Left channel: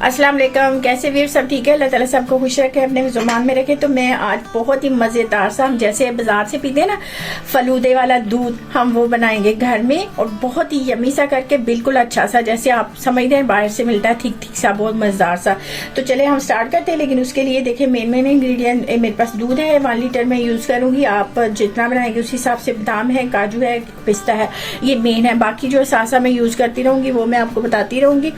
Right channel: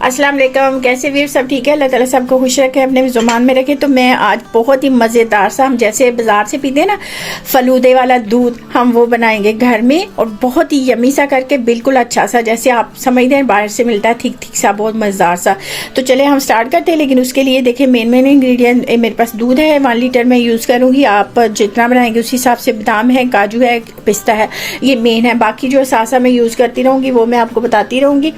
अस्सलाम वालेकुम, कैसे वीर सब ठीक है। अल्लाह ताला सबको खुश रखे, अपने ज़ुबान में रखे। तो मैं आज बहुत ही मज़ेदार सा, हम जैसे बाज़ार से पीते हैं ना फलूदे वाला दूध, हम वो बनाएंगे घर में और बहुत ही यमी सा करके, बिल्कुल अच्छा सा जैसे आप समझते हैं बाहर से मिलता है, ठीक ठीक सा, बहुत मज़ेदार सा। तो चले हम स्टार्ट करते हैं। लेकिन उसके लिए देखिए मेन इंग्रेडिएंट मेरे पास दूध है 1 लीटर मैं यूज़ करूँगी। आप जितना बनाएंगे उस हिसाब से बादाम है, काजू है, पिस्ता है, ये मेन है। बाकी जो सासा मैं यूज़ करती रहूँगी वो मैं आपको बताती रहूँगी।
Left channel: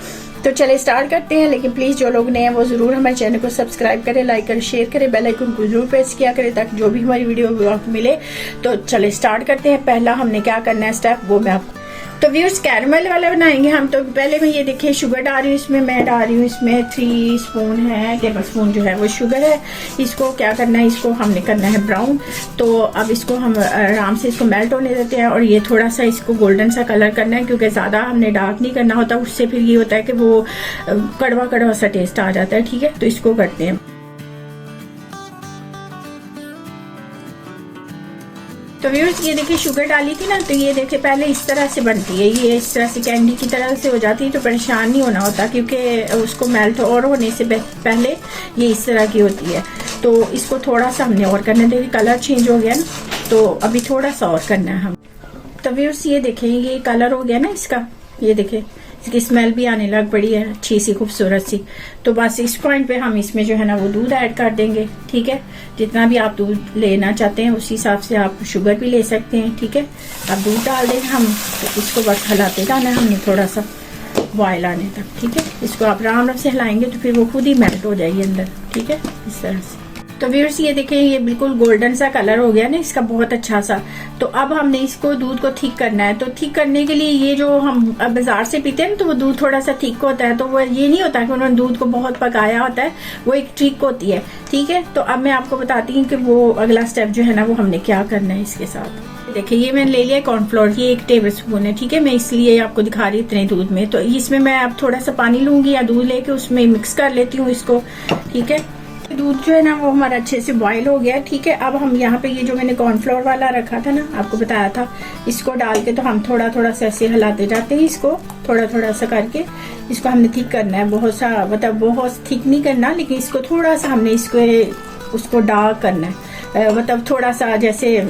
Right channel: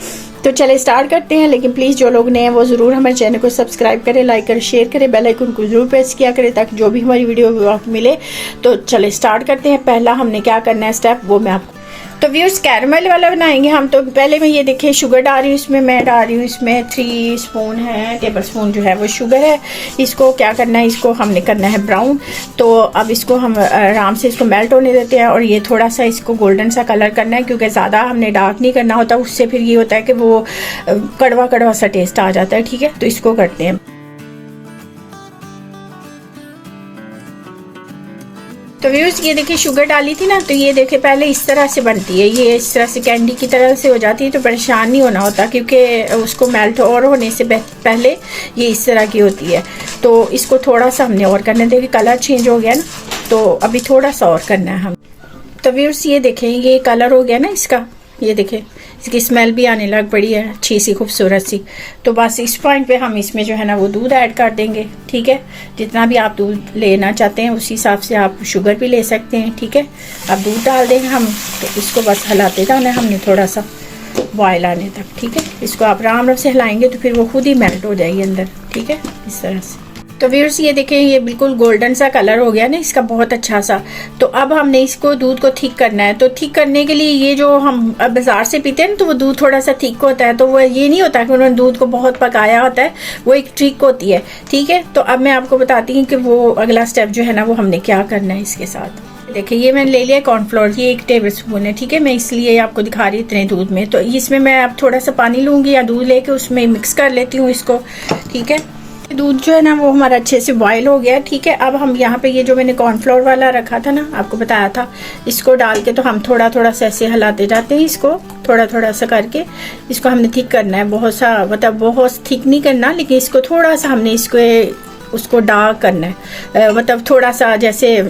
तो चले स्टार्ट करते हैं। लेकिन प्लीज़ जो लोग नए हैं वो ज़रूर हमारे चैनल को सब्सक्राइब करें, लाइक करें, शेयर करें, बेल आइकन को जरूर प्रेस किया करें ताकि जो भी हमारी वीडियो आपको मिले। तो चले स्टार्ट करते हैं। पहला हमने क्या करना है स्टेप, वो मैं आपको तो व्यूअर्स कैरमल वाला बनाएंगे हम। तो पहले मैं ये देखिए शुगर डाल रही हूँ इसमें, मैं डाल रही हूँ इसमें 3 स्पून है, टेबल स्पून जो है वो शुगर है। इसको क्या करना है, इसको हमने करना है ब्राउन। तो अब इसको हम आराम से इसको मेल्ट होने देते हैं और ये थोड़ा सा इसको गोल्डन सा कलर करना है, क्योंकि ज़्यादा हमने डार्क नहीं करना होता, उससे फिर ये होता है कि वो कड़वा कड़वा सा टेस्ट आ जाता है। ठीक है, तो इसको करते हैं। तो व्यूअर्स ये देखिए शुगर डाली थी ना, तो ये देखिए पहले इस तरह से बनती है, ये इस तरह से कैंडी की तरह से हो जाती है। तो परेशान नहीं होना होता, क्योंकि उसको मेल्ट और होने से पहले ये इस तरह की होती है। तो इसको थोड़ा सा हमने और करना है। देखिए कलर चेंज हो गया ना, तो अभी थोड़ा सा और करना है हम। तो व्यूअर्स ये देखें ये कलर हो गया ना इसका, ये देखें इसकी स्मेल भी आने लग पड़ी है अच्छी सी खूबसूरत सी। तो बस इस पॉइंट पे हम इसमें जो है ना वो दूध ऐड कर देंगे। ठीक है, जितना भी आप दूध लेना चाहते हैं उस हिसाब से आप शुगर भी ले सकते हैं। ठीक है, अब दूध डाल देंगे हम। तो इसको बस हिलाते जाना है हमने थोड़ा सा बॉयल आने तक। ठीक है, इसको आप आराम से हिलाएंगे तो फिर वो खुद ही मेल्ट हो जाएगी अंदर। ठीक है, इस तरह से। तो व्यूअर्स ये देखिए ये बिल्कुल गोल्डन सा कलर हो गया ना इसका, बहुत अच्छा सा। तो अब हमने इसको दूध को थिक करना है। तो थिक करने के लिए ये जो हम बाजार से पीते हैं ना, तो वो दूध थोड़ा सा थिक होता है। तो वो ये नहीं होता कि उन्होंने दूध को बहुत पकाया होता है, वो एक ट्रिक होती है। ठीक है, तो अब मैं आपको बताती हूँ कि वो अगला स्टेप जो है ना वो हमने क्या करना है इसके साथ। देखिए ये मैंने ले लिया कॉर्नफ्लोर, ये 1 टेबल स्पून है। ठीक है, मैं इसलिए आपको दिखा रही हूँ इतने दूध में। तो इसमें मैं अब थोड़ा सा पानी लूंगी या दूध लेके उसमें मिक्स कर लेती हूँ इसको। ठीक है, दूध जो है ना वो हमारा अच्छे से बॉयल हो गया। ठीक है, अब हम यहाँ पे ये जो मैंने कॉर्नफ्लोर वाला रखा था ना, आपको बताया था, इसको डाल के तो हम थोड़ा थोड़ा सा ऐसे हिलाते जाते हैं इसको, थोड़ा थोड़ा सा करके इसको हमने थिक करना है। बहुत सा मतलब बहुत थिक नहीं करना, लेकिन इसको थोड़ा सा हमने इसको उसको डार्क करना है, मतलब थोड़ा सा जैसे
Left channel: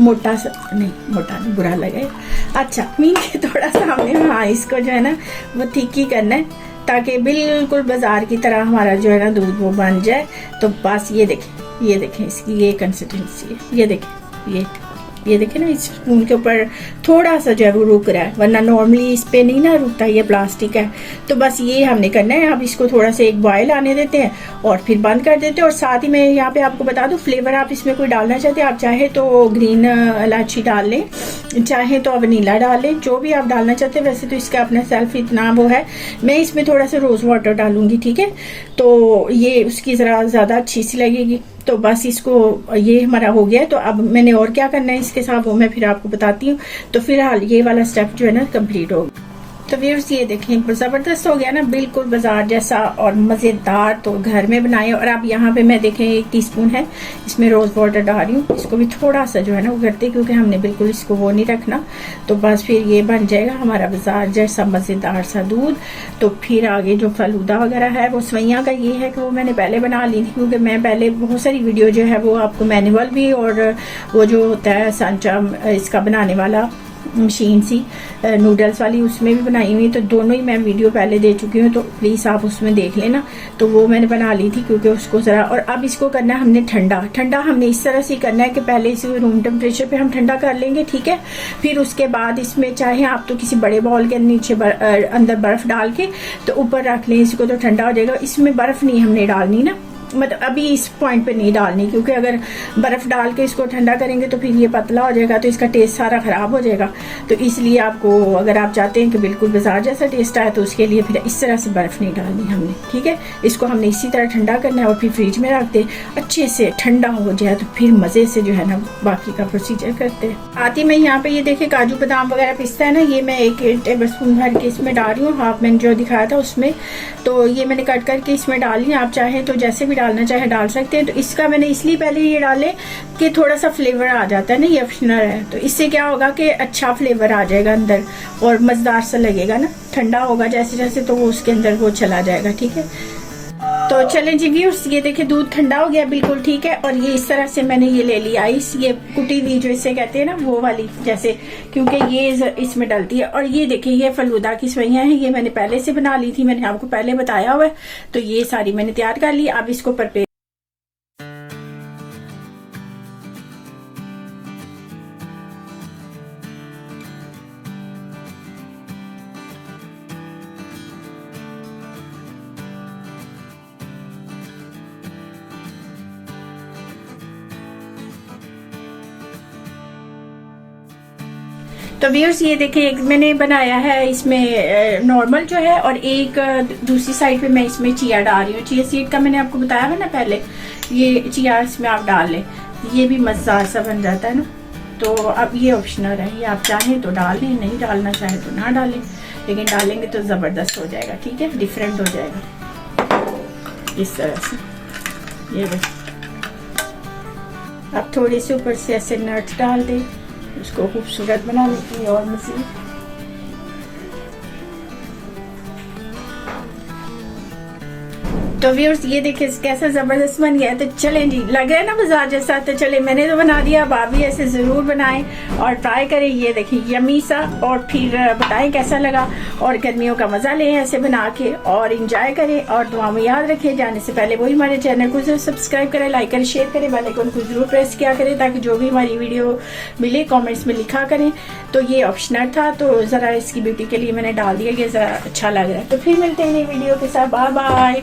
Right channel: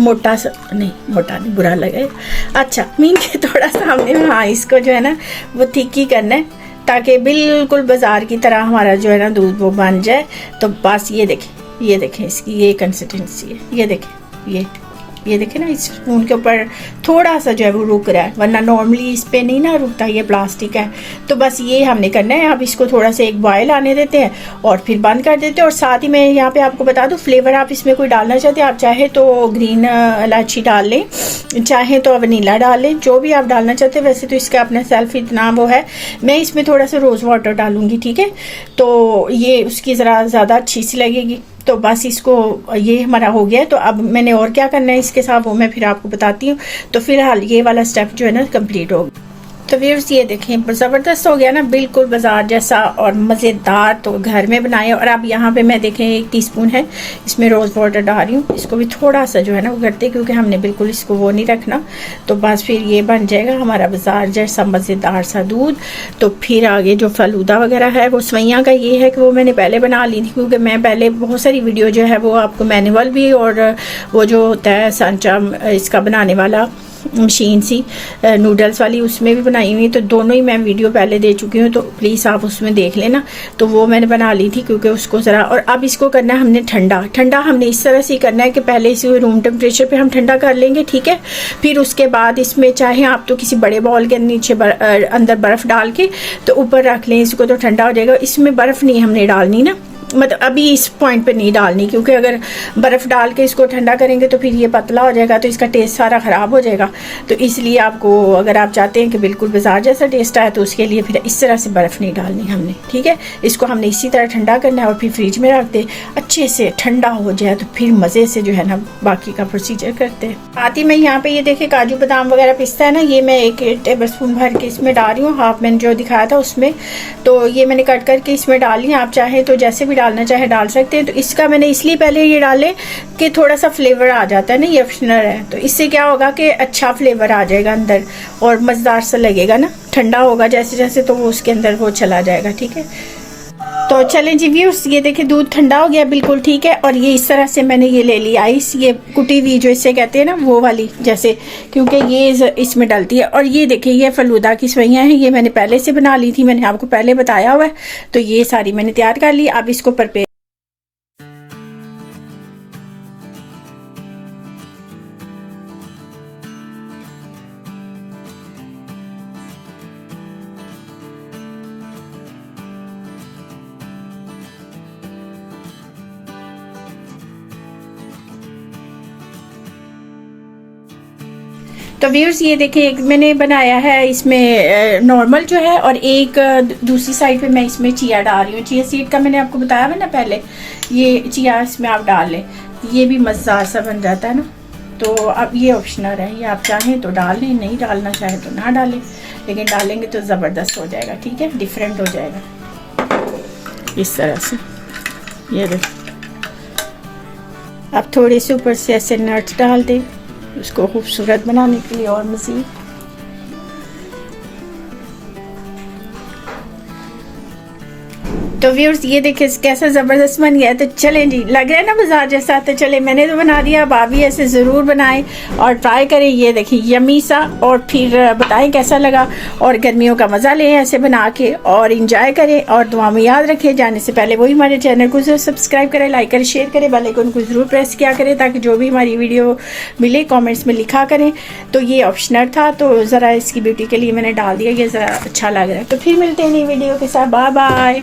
मोटा सा नहीं, मोटा नहीं बुरा लगे, अच्छा मीन के थोड़ा सा हमने हाँ इसको जो है ना वो थिक ही करना है, ताकि बिल्कुल बाजार की तरह हमारा जो है ना दूध वो बन जाए। तो बस ये देखें इसकी ये कंसिस्टेंसी है। ये देखें ना, इस स्पून के ऊपर थोड़ा सा जो है वो रुक रहा है, वरना नॉर्मली इस पे नहीं ना रुकता, ये प्लास्टिक है। तो बस ये हमने करना है। अब इसको थोड़ा सा एक बॉयल आने देते हैं और फिर बंद कर देते हैं। और साथ ही मैं यहाँ पे आपको बता दूँ, फ्लेवर आप इसमें कोई डालना चाहते हैं, आप चाहे तो ग्रीन इलायची डाल लें, चाहे तो वनीला डाल लें, जो भी आप डालना चाहते हैं। वैसे तो इसका अपना सेल्फ इतना वो है, मैं इसमें थोड़ा सा रोज़ वाटर डालूंगी। ठीक है, तो ये उसकी ज़रा ज़्यादा अच्छी सी लगेगी। तो बस इसको ये हमारा हो गया है। तो अब मैंने और क्या करना है इसके साथ वो मैं फिर आपको बताती हूँ। तो फिलहाल ये वाला स्टेप जो है ना कंप्लीट हो गया। तो व्यूअर्स ये देखें ज़बरदस्त हो गया ना, बिल्कुल बाजार जैसा और मज़ेदार। तो घर में बनाए। और अब यहाँ पे मैं देखें 1 टीस्पून है इसमें रोज़ वाटर डाल रही हूँ। इसको भी थोड़ा सा जो है ना वो करते, क्योंकि हमने बिल्कुल इसको वो नहीं रखना। तो बस फिर ये बन जाएगा हमारा बाजार जैसा मज़ेदार सा दूध। तो फिर आगे जो फलूदा वगैरह है वो सवैयाँ का ये है कि वो मैंने पहले बना ली थी, क्योंकि मैं पहले बहुत सारी वीडियो जो है वो आपको मैनुअल भी और वो जो होता है सांचा इसका बनाने वाला मशीन सी नूडल्स वाली, उसमें भी बनाई हुई। तो दोनों ही मैं वीडियो पहले दे चुकी हूँ, तो प्लीज़ आप उसमें देख लेना। तो वो मैंने बना ली थी, क्योंकि उसको ज़रा। और अब इसको करना है हमने ठंडा हमने इस तरह से करना है कि पहले इसे रूम टेम्परेचर पे हम ठंडा कर लेंगे। ठीक है, फिर उसके बाद इसमें चाहे आप तो किसी बड़े बॉल के नीचे अंदर बर्फ़ डाल के तो ऊपर रख लें इसको, तो ठंडा हो जाएगा। इसमें बर्फ़ नहीं हमने डालनी ना, मतलब अभी इस पॉइंट पे नहीं डालनी, क्योंकि अगर बर्फ़ डाल के इसको ठंडा करेंगे तो फिर ये पतला हो जाएगा, तो इसका टेस्ट सारा ख़राब हो जाएगा। तो इसलिए आपको, अगर आप चाहते हैं कि बिल्कुल बाजार जैसा टेस्ट आए, तो उसके लिए फिर इस तरह से बर्फ़ नहीं डालनी हमने, ठीक है। इसको हमने इसी तरह ठंडा करना है और फिर फ्रिज में रख दे, अच्छे से ठंडा हो जाए तो फिर मज़े से जो है ना बाकी का प्रोसीजर करते हैं। आती मैं यहाँ पे ये देखिए काजू बादाम वगैरह पिस्ता है ना, ये मैं 1 टेबल स्पून भर के इसमें डाल रही हूँ, हाफ मैंने जो दिखाया था उसमें। तो ये मैंने कट करके इसमें डाल लिया, आप चाहे तो जैसे भी डालना चाहे डाल सकते हैं। तो इसका मैंने इसलिए पहले ये डाले कि थोड़ा सा फ्लेवर आ जाता है ना, ये ऑप्शनल है, तो इससे क्या होगा कि अच्छा फ्लेवर आ जाएगा अंदर और मज़ेदार सा लगेगा ना। ठंडा होगा जैसे जैसे तो वो उसके अंदर वो चला जाएगा, ठीक है। तो चलें जी व्यूअर्स, ये देखिए दूध ठंडा हो गया बिल्कुल, ठीक है। और ये इस तरह से मैंने ये ले लिया आइस, ये कुटी हुई जो इसे कहते हैं ना वो वाली, जैसे, क्योंकि ये इसमें डलती है। और ये देखिए ये फलूदा की सवैयाँ हैं, ये मैंने पहले से बना ली थी, मैंने आपको पहले बताया हुआ है। तो ये सारी मैंने तैयार कर ली। अब इसको प्रिपेयर, तो व्यूअर्स ये देखें एक मैंने बनाया है इसमें नॉर्मल जो है, और एक दूसरी साइड पे मैं इसमें चिया डाल रही हूँ। चिया सीड का मैंने आपको बताया है ना पहले, ये चिया इसमें आप डाल लें, ये भी मज़ेदार सा बन जाता है ना। तो अब ये ऑप्शनल है, ये आप चाहें तो डाल लें, नहीं डालना चाहें तो ना डालें, लेकिन डालेंगे तो ज़बरदस्त हो जाएगा, ठीक है, डिफरेंट हो जाएगा इस तरह से। ये देखें, अब थोड़ी सी ऊपर से ऐसे नट्स डाल दें उसको खूबसूरत बनाने के लिए और मज़ीद। तो व्यूअर्स ये देखिए कैसा ज़बरदस्त बन गया है। तो चलें जी, लग रहा है ना बाजार जैसा, तो चले मैंने तो बना दिया, अब आप भी ऐसे ज़रूर बनाएं और ट्राई करें। ये देखिए यमी सा, और फिर बताएं कैसा लगा, और गर्मियों का मज़ा लें ऐसे बना के और इंजॉय करें। और दुआ में याद रखें, जाने से पहले वही हमारे चैनल को सब्सक्राइब करें, लाइक करें, शेयर करें, बेल आइकन को ज़रूर प्रेस किया करें ताकि जो भी हमारी वीडियो मिले कॉमेंट्स में लिखा करें। तो ये ऑप्शनल था, तो ज़रा इसकी ब्यूटी के लिए मैंने डाल दिया, ये ज़रा अच्छा लग रहा है। तो फिर मिलते हैं नई वीडियो के साथ, बाय बाय।